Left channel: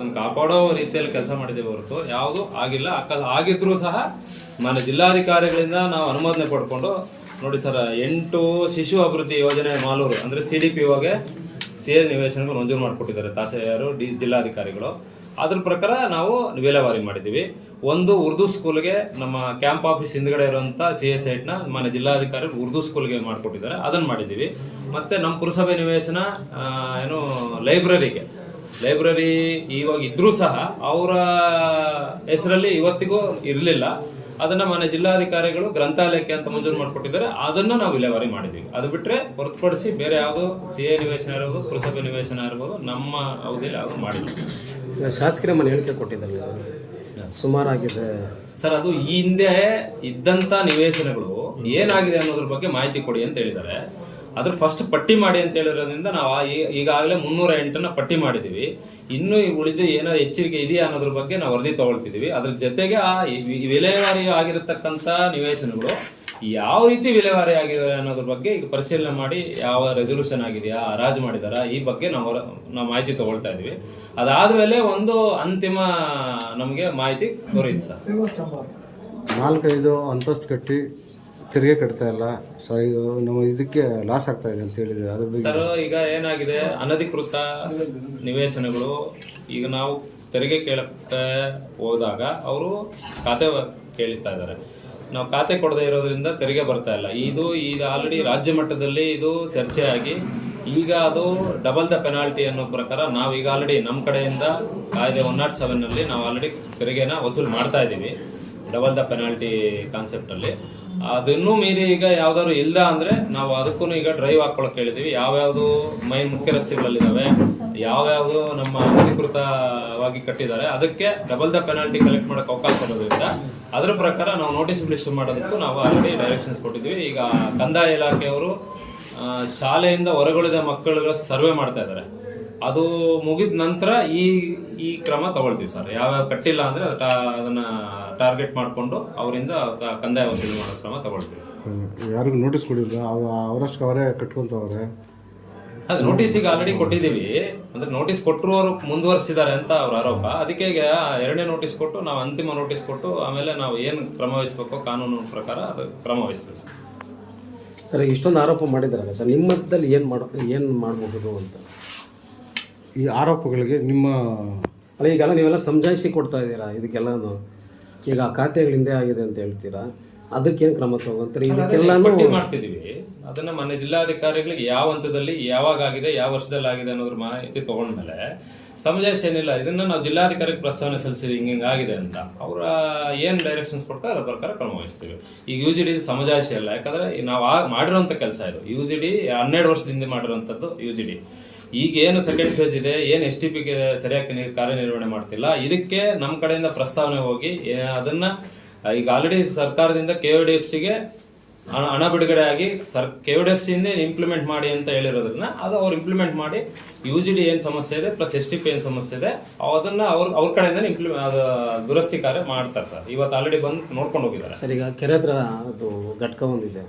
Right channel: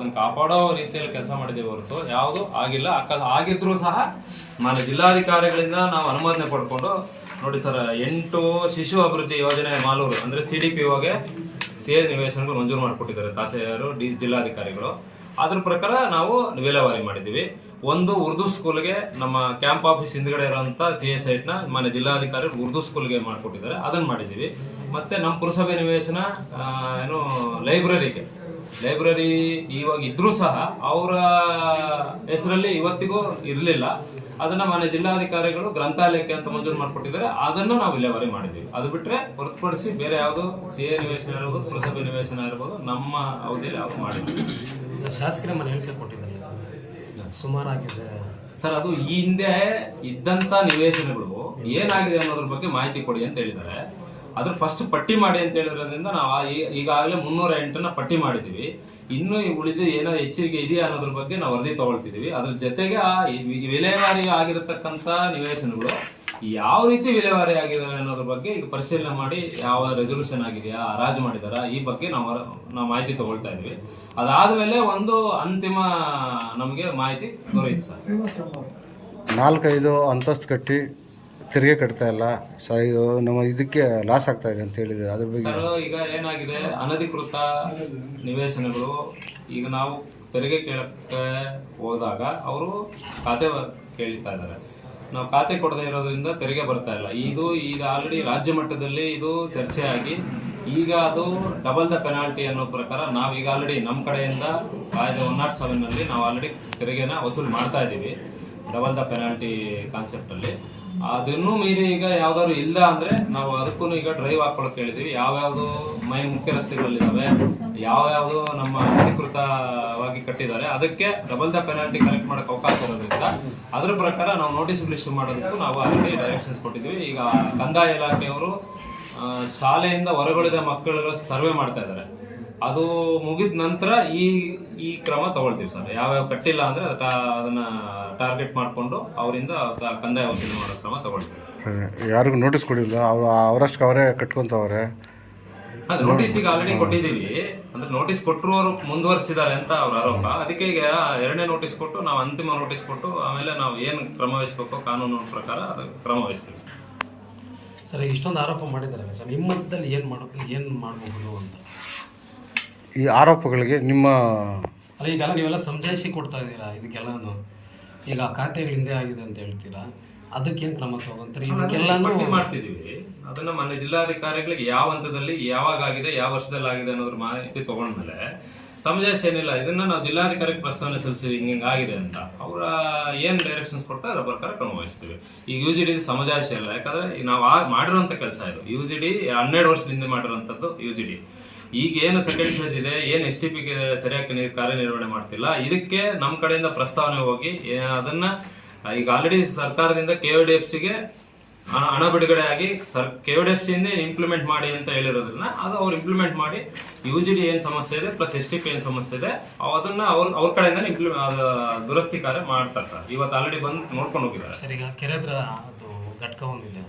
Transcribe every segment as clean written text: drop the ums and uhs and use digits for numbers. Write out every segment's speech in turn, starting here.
ಅದನ್ನು ಕಾಪಾಡೋ ರೀತಿಯಲ್ಲಿ ಕೆಲಸ ಮಾಡಿದ್ದೇವೆ ಹೊರತು ಯಾವುದು ಆಗಿಲ್ಲ. ಆಗಿದ್ರೂ ಸಹ ಮಾನ್ಯ ಜಿಲ್ಲಾಧಿಕಾರಿಗಳಿಂದ ನಾವು ಅನುಮೋದನೆ ಪಡ್ಕೊಂಡು ನೋಡಿ ಸರ್, 8 ಶಿಶು ಅಭಿವೃದ್ಧಿ ಯೋಜನೆ ಮಾಲೂರು ಅಂದ್ರೆ CDPOಗೆ CA ನಿವೇಶನಗಳು ಮಂಜೂರು ಮಾಡಿಕೊಟ್ಟಿದ್ದಾರೆ ತಹಸೀಲ್ದಾರರು, ಜಿಲ್ಲಾಧಿಕಾರಿಗಳು. ಅದ್ರ ಪ್ರಕಾರ ನಾವು ವಿಲೇವಾರಿ ಮಾಡಿದ್ದೀವಿ. ಒಂದು ಉರ್ದು ಸ್ಕೂಲ್ಗೆ ನಮ್ಮ ಕ್ಯಾಂಪ್ ಆಫೀಸ್ ಹಿಂದ್ಗಡೆ ಇರುವಂತ CA ಸೈಟ್ನ ಮಾನ್ಯ ಜಿಲ್ಲಾಧಿಕಾರಿ ಉರ್ದು ಸ್ಕೂಲ್ಗೆ ಮಾಡಿಕೊಟ್ಟಿದ್ದಾರೆ, ಅದನ್ನ ಮಾಡಿದ್ದೀವಿ. ಮತ್ತೆ ನಮ್ಮ ಪುರಸಭೆ ನಿವೇಶನ ಏನು ಲೈಬ್ರರಿ ಇವಾಗ ಇದ್ರೂ ಸಹ ಅವರ ಹೆಸರಲ್ಲಿ ಇವತ್ತಿಗೂ ಇರಲಿಲ್ಲ. ಅದನ್ನ ಮಾನ್ಯ ಜಿಲ್ಲಾಧಿಕಾರಿಗಳು ಗ್ರಂಥಾಲಯಕ್ಕೆ ಅಂತ ಮಂಜೂರು ಮಾಡಿಕೊಟ್ಟಿದ್ದಾರೆ, ಅದನ್ನ ನಾವು ವಿಲೇವಾರಿ ಮಾಡಿದ್ವಿ. ಅದು ಬಿಟ್ರೆ ಹೊರತುಪಡಿಸಿ ಬೇರೆ ಯಾವುದು CA ನಿವೇಶನ ಇರ್ಬೋದು, ಪುರಸಭೆ ನಿವೇಶನ ಇರ್ಬೋದು ನಮ್ಮ ಅವಧಿಯಲ್ಲಿ ಯಾವುದು ಮಾಡಿಲ್ಲ. ಶಾಸಕರ ಮನೆ ಹೇಳಿಕೆ ಕೊಟ್ಟಿದ್ದಾರೆ ಸುಮಾರಾಗಿದೆ ಸರ್. ಅದು ಈ ಹಿಂದೆ ಇದ್ದಂತ ನಿವೇಶನಗಳು ಏನಾಗಿದೆ ಅನ್ನೋದ್ರ ಬಗ್ಗೆ ಮಾಹಿತಿ ಕೊಡಿ ಅಂತ ಹೇಳಿದ್ದಾರೆ. ಅದ್ರ ಫಸ್ಟ್ ಪಟ್ಟಿ ಮಾಡಿ ಅಂತ ಹೇಳಿರೋದ್ರಿಂದ ನಾವು ಈಗಾಗಲೇ 308 ಪಟ್ಟಿ ಮಾಡಿದೀವಿ. ಇನ್ನು ಉಳಿದು ಏನೋ ಎಚ್ಚರಿಕೆ ಇದೆಯಾ ಅನ್ನೋದ್ರ ಬಗ್ಗೆ ನಾವು ವರದಿ ತಗೊಳ್ತಿದೀವಿ. ಅದ್ರ ಜೊತೆಗೆ ವಿಲೇವಾರಿ ಆಗಿರತಕ್ಕಂತ ನಿವೇಶನಗಳು ಯಾವ ರೀತಿ ವಿಲೇವಾರಿ ಆಗಿದೆ ಅನ್ನೋದ್ರ ಬಗ್ಗೆ ಈಗ ಪರಿಶೀಲನೆ ಮಾಡಿ ಯಾವ ರೆಸೊಲ್ಯೂಷನ್ ಆಗಿದೆಯಾ, ಹರಾಜು ಮಾಡಿದಾರಾ, ಈ ಬಗ್ಗೆ ನಾವು ಮಾಹಿತಿ ತಗೊಳ್ತಾ ಇದೀವಿ. ಅದಾದ್ಮೇಲೆ ಒಂದು ಅಂತಿಮ ನಮಗೆ ಮಾಹಿತಿ ದೊರೆಯುತ್ತೆ ಸರ್. 4-5 ಅಂತಸ್ತು ಕಟ್ಟಿ ತೆರಿಗೆ ಕಟ್ತಾ ಇಲ್ಲ ಸರ್, ಇದು ನಮ್ಮ ಇದಕ್ಕೆ ಲಾಸ್ ಆಗ್ತಾ ಇದೆ ಅಂತ ಹೇಳಿದ್ರೆ ಅದ್ರ ಬಗ್ಗೆ ಸರ್. ಈಗ ಏನಾಗಿದೆ, ಅನಧಿಕೃತ ನಿವೇಶನಗಳು ಈಗ ನಾವು ತೆರಿಗೆ ಕೇಳಕ್ಕೆ ಹೋದಾಗ ಅವರು ಖಾತೆ ಕೇಳ್ತಾ ಇದ್ದಾರೆ. ನಾವು ಖಾತೆ ಕೊಡದೇ ಇರೋದ್ರಿಂದ ತೆರಿಗೆ ಬರ್ತಾ ಇಲ್ಲ. ಇದು ಈಗ ಆಲ್ರೆಡಿ ರಾಜ್ಯ ಮಟ್ಟದಲ್ಲಿ ಇದು ಚರ್ಚೆ ಆಗಿ ಈಗ ಅದು ಡಬಲ್ ದ ಪೆನಾಲ್ಟಿ ಅನ್ನೋ ಪ್ರಕಾರ ನಾವು ಈಗ ಆಲ್ರೆಡಿ ನಮ್ಮ ಕಡೆಯಿಂದ ಕಾಯ್ದೆ 107ನಲ್ಲಿ ನಾವು ಆಲ್ರೆಡಿ ತೆರಿಗೆನ ವಸೂಲು ಮಾಡ್ತಾ ಇದ್ದೀವಿ. ಡಬಲ್ ದ ಪೆನಾಲ್ಟಿ ಕಾನ್ಸೆಪ್ಟ್ ಅಲ್ಲಿ ಅದನ್ನೂ ಮೀರಿ ಈಗ ಯಾವ್ದಾದ್ರು ಇಲ್ಲ ಅಂದ್ರೆ ನಾವು ಅದಕ್ಕೂ ಈಗ ಡ್ರೈವ್ ಹಾಕೊಳಕ್ ಹೇಳಿದೀವಿ. ಯಾವ್ಯಾವ್ದು ಮೈನ್ ಮುಖ್ಯ ರಸ್ತೆಗಳಲ್ಲಿದ್ದಾವೆ, ಯಾವ್ಯಾವ್ದು ನಮ್ಮ ಅಧಿಕೃತವಾಗಿ ಕಟ್ಟಿದ್ದಾರೆ, ಅದಕ್ಕೆ ಡಬಲ್ ದ ಪೆನಾಲ್ಟಿ ಕಲೆಕ್ಟ್ ಮಾಡಕ್ ಅವಕಾಶ ಇರೋದ್ರಿಂದ ಅದ್ರ ಪ್ರಕಾರ ನಾವು ನೋಟಿಸ್ ಇಶ್ಯೂ ಮಾಡೋದಕ್ಕೂ ನಾವು ಆಲ್ರೆಡಿ ಡೈರೆಕ್ಷನ್ಸ್ ಕೊಟ್ಟಿದ್ದೀವಿ. ಈಗ ಕಂದಾಯ ಇಲಾಖೆಯವರು ಶಾಲೆಯಿಂದ ಹೊರಗುಳಿದ ಮಕ್ಕಳುಗಳ ಸರ್ವೆ ಮಾಡ್ತಾ ಇದ್ದಾರೆ. ಅದು ಮುಗಿದ ನಂತರ ಈ ಕ್ರಮ ತಗೊಳ್ತೀವಿ ಸರ್. ಯಾವ್ಯಾವ ಕಟ್ಟಿಲ್ಲ ಅಂದ್ರೆ ಅದನ್ನ ಟಾರ್ಗೆಟ್ ಮಾಡಿಕೊಂಡು ಅವರಿಂದ ಕಂದಾಯ ವಸೂಲಿ ಮಾಡೋ ಕ್ರಮ ತಗೊಳ್ತೀವಿ. ಯಾರಿಗೂ ನೋಟಿಸ್ ಕೊಡಿಲ್ಲ, ಅವರಷ್ಟು ಅವರೇ ಕಟ್ಕೊಂತವ್ರೆ. ಅದು ನೋಟಿಸ್ ಈಗ ಆಲ್ರೆಡಿ ಕೊಟ್ಟಿದ್ದೀವಿ. ಅಂದ್ರೆ ನೋಟಿಸ್ ಕೊಟ್ಟರು ಅವರು ಮುಂದುವರಿಸಿದ್ದಾರೆ ಅಂತ ಅವ್ರ ಆರೋಪ. ಅದಕ್ಕೆ ಈಗ 2ನೇ ನೋಟಿಸ್ ಕೊಟ್ಟು ನಾವು ಅಂತಿಮ ನೋಟಿಸ್ ಕೊಟ್ಟು ಆಮೇಲೆ ನಾವು ಏನು ಕ್ರಮ ವಹಿಸಬೇಕು ಕಾನೂನು ಪ್ರಕಾರ ಅದು ಕ್ರಮ ವಹಿಸ್ತೀವಿ ಸರ್. ಇಷ್ಟೊಂದು ಆರೋಪ ಮಾಡಿದ್ದಾರೆ ಸರ್, ನಿಮ್ಮ ಮಟ್ಟದಲ್ಲಿ ಏನು ಮಾಡಬಹುದು ಅಂತ ಈ ಆರೋಪಗಳಿಗೆ ನಿಮ್ಮ ಅಲ್ಲ ಈಗೆಲ್ಲ ನೀವೆಲ್ಲ ಸಮಜಾಯಿಸಿ ಕೊಡ್ತಾ ಇದ್ದೀರಾ ಇದಕ್ಕೆಲ್ಲನು. ಈಗ ಖಾತೆಗಳಿಂದ ಆಗಿದೆ ಅಂತ ಹೇಳ್ತೀರಾ, ಅದಕ್ಕೇನು ಕ್ರಮ ತಗೊಂತಾರೆ? ಇದಕ್ಕೆಲ್ಲ ಪಟ್ಟಿ ಮಾಡ್ತಿದೀವಿ. ಅದನ್ನ ಮನೆ ಜಿಲ್ಲಾಧಿಕಾರಿಗಳಿಗೆ ಯಾವ ಹಂತದಲ್ಲಿ ಯಾವಾಗ ಆಗಿದೆ, ಯಾವ ವರ್ಷದಲ್ಲಿ ಆಗಿದೆ ಅನ್ನೋದ್ರ ಮಾಹಿತಿ ತಗೊಂಡ್ಮೇಲೆ ಸಮಜಾಯಿಸಿ ಏನಿಲ್ಲ, ಇದನ್ನ ನಾವು ಜಿಲ್ಲಾಧಿಕಾರಿಗೆ ಪ್ರಸ್ತಾವನೆ ಸಲ್ಲಿಸಿ ಹಿಂಗಾಗಿದೆ ಅಂತ ಅವರ ಏನ್ ಡೈರೆಕ್ಷನ್ಸ್ ಕೊಡ್ತಾರೆ ಅದರ ಪ್ರಕಾರ ಕ್ರಮ ವಹಿಸ್ತೀವಿ. ಈಗ UGD ಸಮಜಾಯಿಸಿ ಅಲ್ಲ, ಯಾಕಂದ್ರೆ ನಾವು ಮಾಡಿರುವಂತ ಕೆಲಸ ಇದು. UGD 12 ವರ್ಷದಿಂದ ಮಾಡಿರುವಂತದ್ದು UGD. ಈಗ ಏನು ಸೆಕೆಂಡ್ ಫೇಸ್ ಇದೆ, ಏನು STPಗೆ ಸರಿಯಾಗಿ ಕಾರ್ಯನಿರ್ವಹಣೆ ಮಾಡ್ತಿಲ್ಲ, ಇದಕ್ಕೆ ನಮ್ಮ ಕಡೆಯಿಂದ ಪ್ರಸ್ತಾವನೆ ಹೋಗಿ ಅದನ್ನ ಈಗ ಆಲ್ರೆಡಿ ಸರ್ಕಾರದಿಂದ KODFCಗೆ ಹಣ ಬಿಡುಗಡೆ ಆಗಿ KODFC ಇಂದ ಇಂಪ್ಲಿಮೆಂಟ್ ಮಾಡಿ ಅಂತ ಹೇಳಿರೋದ್ರಿಂದ ಅದು ಅವ್ರು ಇಂಪ್ಲಿಮೆಂಟ್ ಮಾಡಿ UGD ಏನ್ ಸಮಸ್ಯೆ ಇದೆ ಪ್ಲಸ್ STP ಏನ್ ಸಮಸ್ಯೆ ಇದೆ ಅದನ್ನ ಅವ್ರ ಕಡೆಯಿಂದ ದುರಸ್ತಿ ಕಾರ್ಯ ಮಾಡ್ತಾರೆ ಸರ್. ಇವತ್ತು ಆಲ್ರೆಡಿ ಬಂದು ನೋಡ್ಕೊಂಡು ಹೋಗಿದ್ದಾರೆ ಸರ್. ಈಗ ಕೆರೆ ಹತ್ರ ಅದು ಘಟಕ ಒಂದಿದೆ,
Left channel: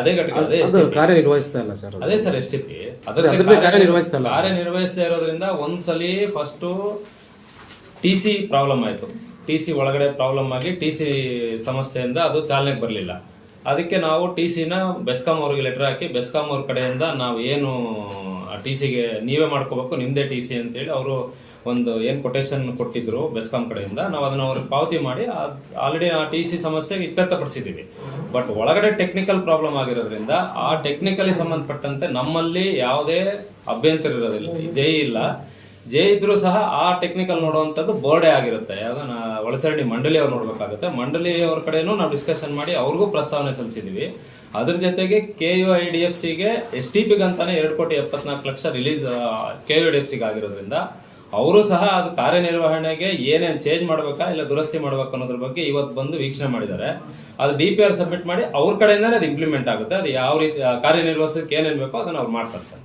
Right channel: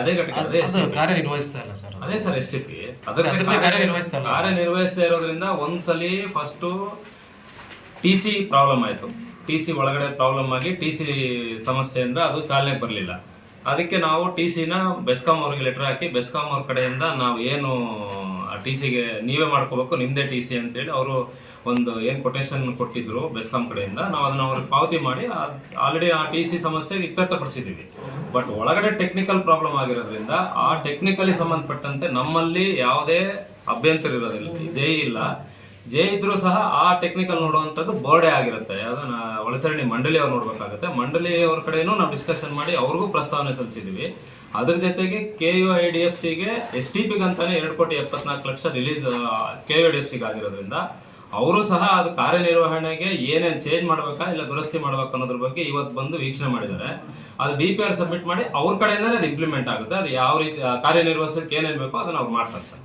ಅದೇ ಘಟಕ ಕಾರ್ಯನಿರ್ವಹಿಸ್ತಾ ಇಲ್ಲ ಸರ್. ಅದೇ ಸರ್ STP ಕಾರ್ಯನಿರ್ವಹಿಸ್ತಾ ಇರೋದ್ರಿಂದ ಒಂದ್ಸಲಿ ಫಸ್ಟ್ TC ಪ್ರಾಬ್ಲಮ್ ಆಯ್ತು. TC ಒಳಗಡೆ ಪ್ರಾಬ್ಲಮ್ ಆಗಿ TC ಸಮಸ್ಯೆಯಿಂದ ಅದು ಚಾಲನೆಗೆ ಬರಲಿಲ್ಲ. ಅದಕ್ಕೆ ನಾವು TCನ ಬೆಸ್ಕಾಂ ಅವ್ರಿಗೆ ಲೆಟರ್ ಹಾಕಿ ಬೆಸ್ಕಾಂ ಅವ್ರ ಕಡೆಯಿಂದ ನಾವು ಏನು TCಗೆ ನೀವೇ ಮಾಡ್ಕೋಬೇಕು, ನಿಮ್ದೇ TC ಅಂತೇಳಿ ಅವರು ಒಂದು ಏನ್ ಕೊಟೇಶನ್ ಕೊಟ್ಟಿದ್ರು ಬೆಸ್ಕಾಂ ಕಡೆಯಿಂದ, ನಾವು ಅದನ್ನ ಅವ್ರಿಗೆ ಪಾವತಿ ಮಾಡಿ ಆಲ್ರೆಡಿ ಆ TC ಸಮಸ್ಯೆಗೆ ಇತ್ಯರ್ಥಪಡಿಸಿದ್ದೀವಿ. ಬಟ್ ಒಳಗಡೆ ಟೆಕ್ನಿಕಲ್ ಪ್ರಾಬ್ಲಮ್ ಆಗಿರೋದ್ರಿಂದ ಆ ಟೆಕ್ನಿಕಲಿ ಸಂಬಂಧಪಟ್ಟಂತೆ ನಮ್ಮಲ್ಲಿ ಯಾವುದೇ ಅಭ್ಯಂತರ ಇರೋದಿಲ್ಲ. ಜೈ ಇಲ್ಲ, ಜೈ ಇದ್ರೂ ಸಹ ಆ ಟೆಕ್ನಿಕಲ್ ನೋಡುವಂಥದ್ದು ಬೋರ್ಡೇ ಆಗಿರುತ್ತೆ. ಅದನ್ನ ಒಳಚರಂಡಿ ಮಂಡಳಿ ಅವ್ರು ನೋಡ್ಬೇಕಾಗುತ್ತೆ. ಮಂಡಳಿ ಅವ್ರ ಕಡೆನೂ ನಾವು ಡಿಸ್ಕಷನ್ ಮಾಡಿ ಅವ್ರಿಗೂ ಪ್ರಸ್ತಾವನೆ ಸಲ್ಲಿಸಿದೀವಿ. ಅದ್ರ ಜೊತೆಗೆ KUIDFCಗೆ STPಗೆ ಅಂತಾನೆ 2,74,00,000 ರಿಲೀಸ್ KUIDFCಗೆ ಆಗಿರೋದ್ರಿಂದ ಅವರು ಸಹ ಅದು ಕಾರ್ಯನಿರ್ವಹಣೆಗೆ ಏನೇನು ಚೇಂಜ್ ಮಾಡ್ಬೇಕಾ ಇಲ್ಲ ದುರಸ್ತಿ ಮಾಡ್ಬೇಕಾ ಅನ್ನೋದ್ರ ಬಗ್ಗೆ ಇವತ್ತು ಬಂದು ವೀಕ್ಷಣೆ ಮಾಡಿದ್ದಾರೆ. ಅದು DPR ಸಬ್ಮಿಟ್ ಮಾಡಿ ಅವ್ರ ಕಡೆಯಿಂದಾನೆ ಅದು ಇಂಪ್ಲಿಮೆಂಟ್ ಆಗುತ್ತೆ. ಅದು ಯಾವ ರೀತಿ ಕಾರ್ಯನಿರ್ವಹಿಸಕ್ಕೆ ಏನೇನು ಬೇಕೋ ಅದನ್ನ ಅವ್ರು ಮಾಡ್ತಾರೆ ಸರ್.